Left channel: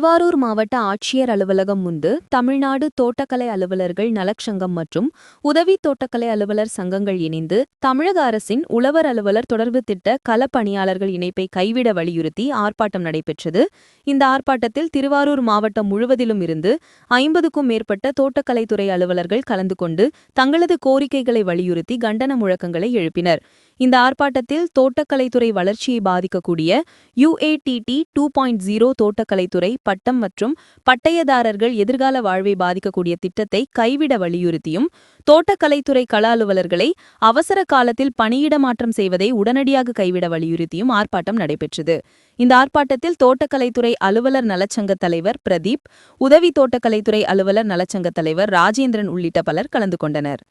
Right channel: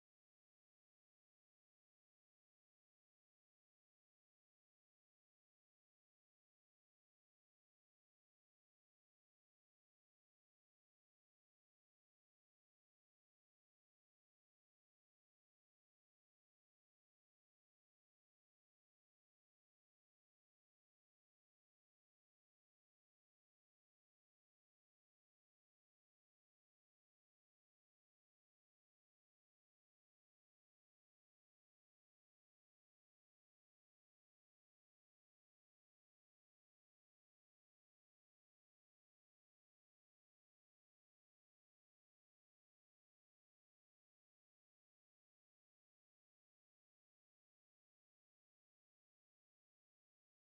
திருவாரூர் மாவட்ட ஆட்சியர் அலுவலகம் முன்பு தமிழ்நாடு தோட்டக்கலை அலுவலர்கள் நலச்சங்கம் மற்றும் உதவி தோட்டக்கலை அலுவலர் சங்கங்கள் இணைந்து தமிழக அரசின் உழவர் அலுவலர் தொடர்பு திட்ட களப்பணியாளர்கள் இணைப்பை கைவிட வலியுறுத்தி ஆர்ப்பாட்டம் நடைபெற்றது. இந்த ஆர்ப்பாட்டத்தில் திருவாரூர் மாவட்டம் முழுவதிலும் இருந்து 50க்கும் மேற்பட்ட தோட்டக்கலைத்துறை அலுவலர்கள் கலந்து கொண்டு தங்களது கோரிக்கைகளை வலியுறுத்தி கண்டன முழக்கங்களை எழுப்பினர். இந்த ஆர்ப்பாட்டத்தில் தோட்டக்கலைத்துறை வளர்ச்சியை பாதிக்கக்கூடிய UATT 2.0 தோட்டக்கலைத்துறை பட்டம் மற்றும் பட்டயதாரர்கள் எதிர்கால வாழ்வை பாதிக்கக்கூடிய திட்டத்தை கைவிட வலியுறுத்தியும், தோட்டக்கலைத்துறை கள அலுவலர்களை அவசர காலத்தில் பணியிட மாற்றம் செய்வதை உடனடியாக கைவிட வலியுறுத்தியும் ஆர்ப்பாட்டம் நடைபெற்றது. இந்த ஆர்ப்பாட்டத்தில் தோட்டக்கலைத்துறை அலுவலர் நலச்சங்க தலைவர் பிரதீப், உதவி தோட்டக்கலைத்துறை அலுவலர் நலச்சங்க தலைவர் ராஜேந்திரன் உள்ளிட்ட பலர் கலந்து கொண்டனர்.